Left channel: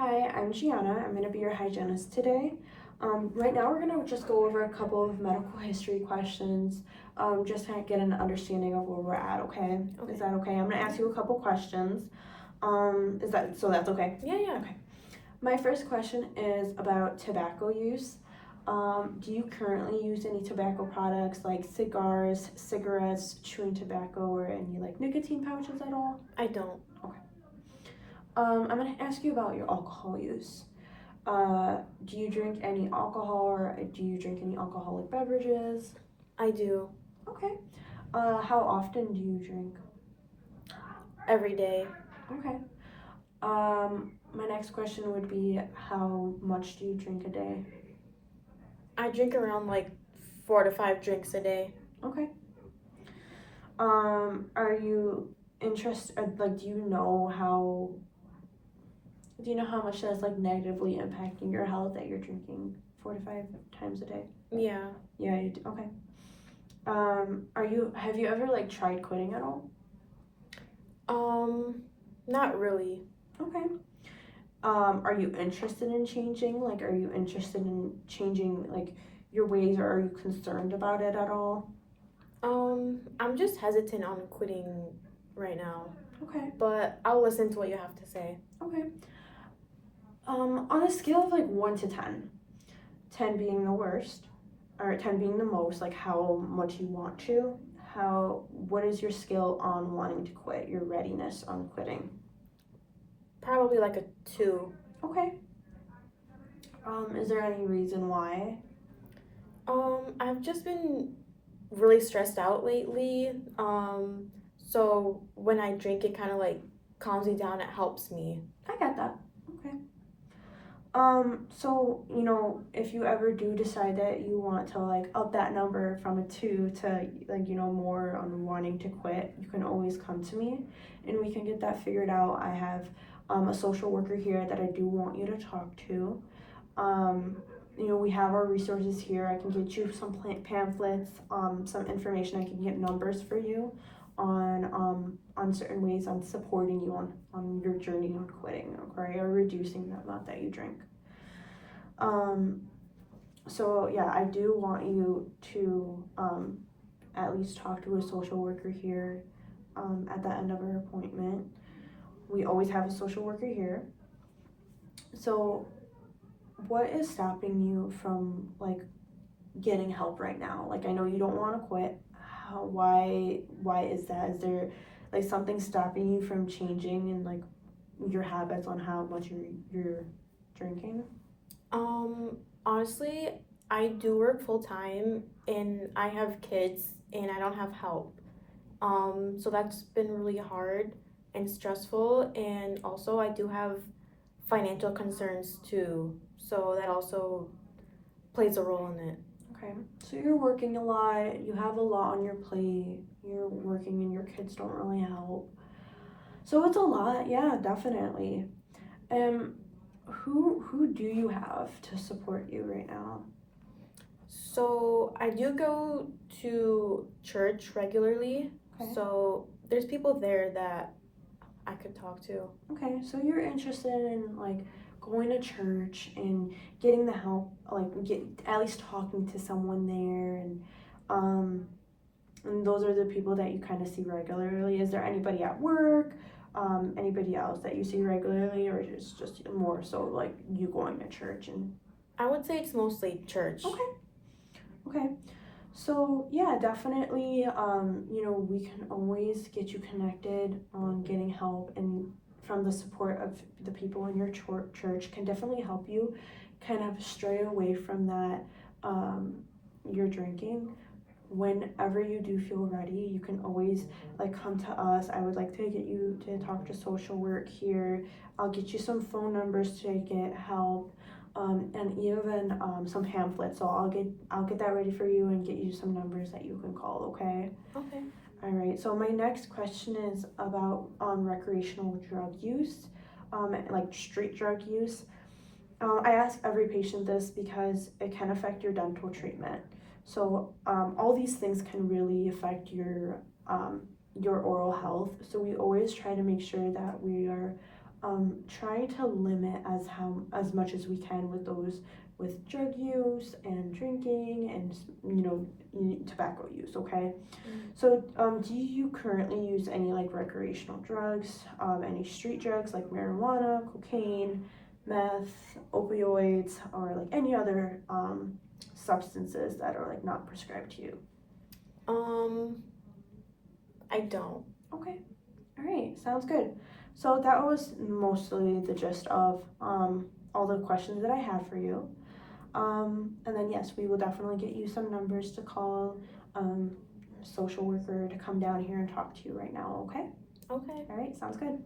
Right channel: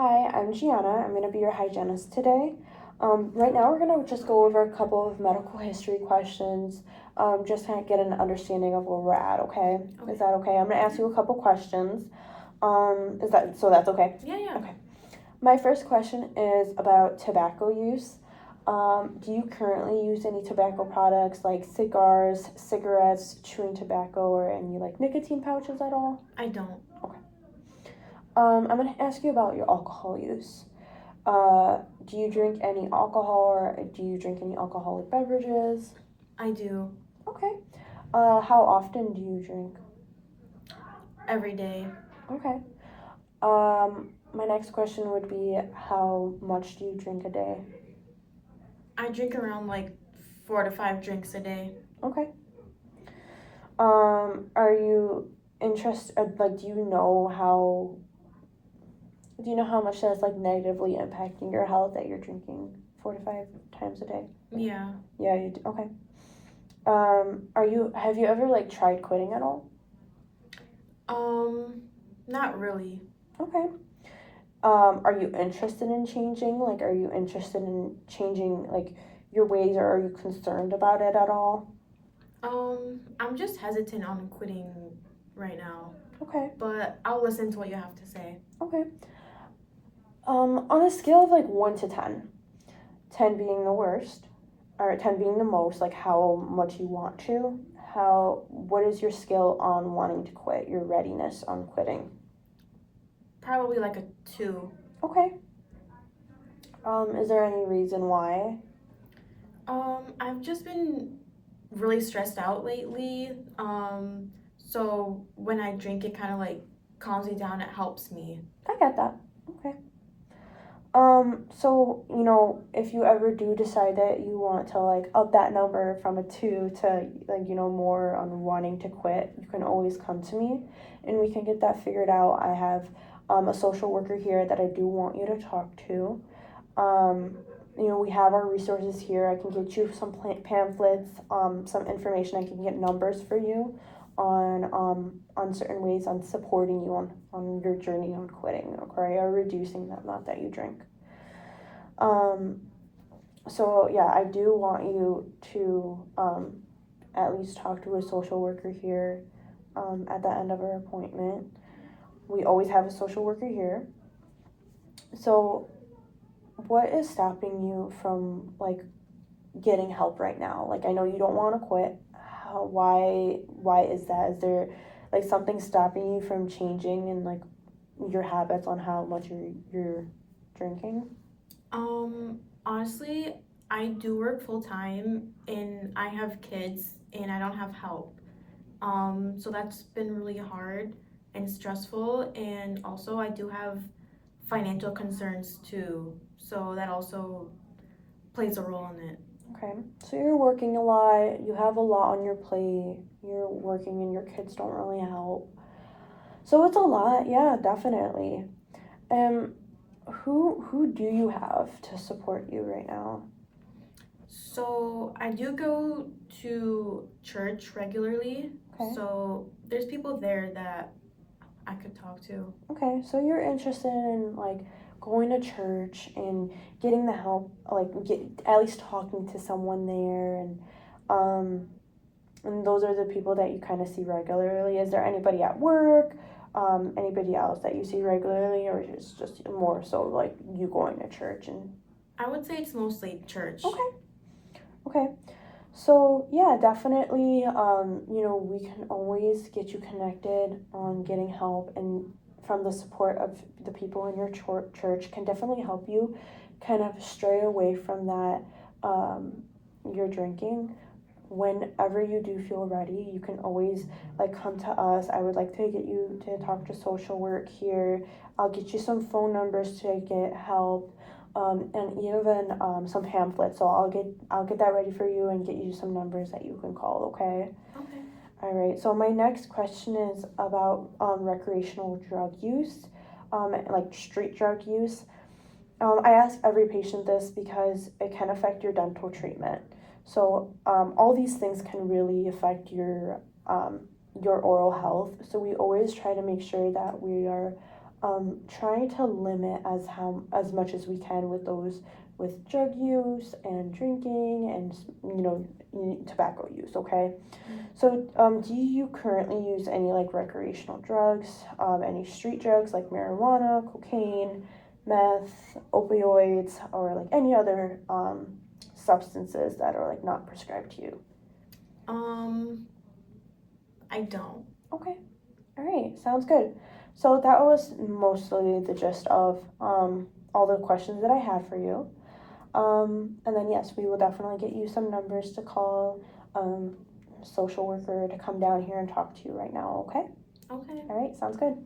Hi, I'm Gianna. I'm going to be your hygienist today. Right now, we're going to just go over a couple of medical history questions, just to get an understanding of where we're at. Okay? Is that okay? I'm going to ask you a couple questions. Is that so? That's okay. Yeah. Okay. My first question is about tobacco use. Do you currently use any tobacco products like cigars, cigarettes, chewing tobacco, or any like nicotine pouches at all? I don't. I'm going to ask you about your alcohol use. Do you drink any alcohol or do you drink any alcoholic beverages? I do. Okay. How often do you drink? Every day. Okay. My next question would be how much do you drink a day? I drink around like 4 to 5 drinks a day. Okay. Are you interested, like, do you know how much that's like negatively impacting your health that you're drinking 4 to 5 times a day? Yeah. Yeah, you do. Okay. Have you ever like tried quitting at all? Not really. Okay. Are you interested in changing? Like, are you interested in changing like your ways, or are you concerned about it at all? I'm just hesitant on quitting right now, Okay. but I'll listen to what you have to say. Okay. On a scale of like 1 to 10, 10 being the worst, or 10 being the most, like how much you want to, what is your skill on wanting to quit? Your readiness on quitting? Probably like a 2. Okay. Is there any reason why? I've just been really stressed out lately. So when I drink, it kind of like calms me down. It helps me. I get that. Okay. So, if you ever do decide that you want to like up that number from a 2 to like, more on wanting to quit, you can always come to me and we can get that figured out. I have a social worker here that I do want you to talk to. We have our resources here. I can get you some pamphlets, some information. I can get numbers for you on certain ways on supporting you on your journey on quitting, okay, or reducing that amount that you drink. So yeah, I do want you to at least talk to a social worker here at the end of our appointment. We always have a social worker here. So what is stopping you from like getting help right now? Like, I know you don't want to quit. Why is that? Is there like something stopping you from changing and like your habits on how much you're drinking? Honestly, I do work full time and I have kids and I don't have help. So that's been really hard and stressful. And also, I do have financial concerns too. So that also plays a role in it. Okay, so you're working a lot. You have a lot on your plate. You're working, and your kids don't really help. So it's a lot. Yeah, definitely. Um, who do you have to support you right now? So I do go to church regularly. Okay. So there's people there that I could talk to. Okay, so you're interested in like going to church and getting the help, like get at least talking to someone there, um, and those are the people that you kind of see regularly. Is there anybody at work, anybody else that you see regularly, or just more so like you going to church and? I would say it's mostly church. Okay. Okay. So yeah, definitely. We can always get you connected on getting help, and from the support of the people in your church can definitely help you kind of stray away from that. Your drinking. Whenever you do feel ready, you can always like come to us. I would like to get you to talk to social work here. I'll get you some phone numbers to get help, and even some pamphlets. So I'll get that ready for you and get you some numbers that you can call. Okay. Okay. All right. So my next question is about recreational drug use, like street drug use. I ask every patient this because it can affect your dental treatment. So all these things can really affect your oral health. So we always try to make sure that we are trying to limit as much as we can with those with drug use and drinking and tobacco use. Okay, so do you currently use any like recreational drugs, any street drugs like marijuana, cocaine, meth, opioids, or like any other substances that are like not prescribed to you? I don't. Okay. All right, sounds good. So that was mostly the gist of all the questions that I had for you. And then, yes, we will definitely get you some numbers to call, social worker to come down here and talk to you right now, okay? Okay. All right, sounds good.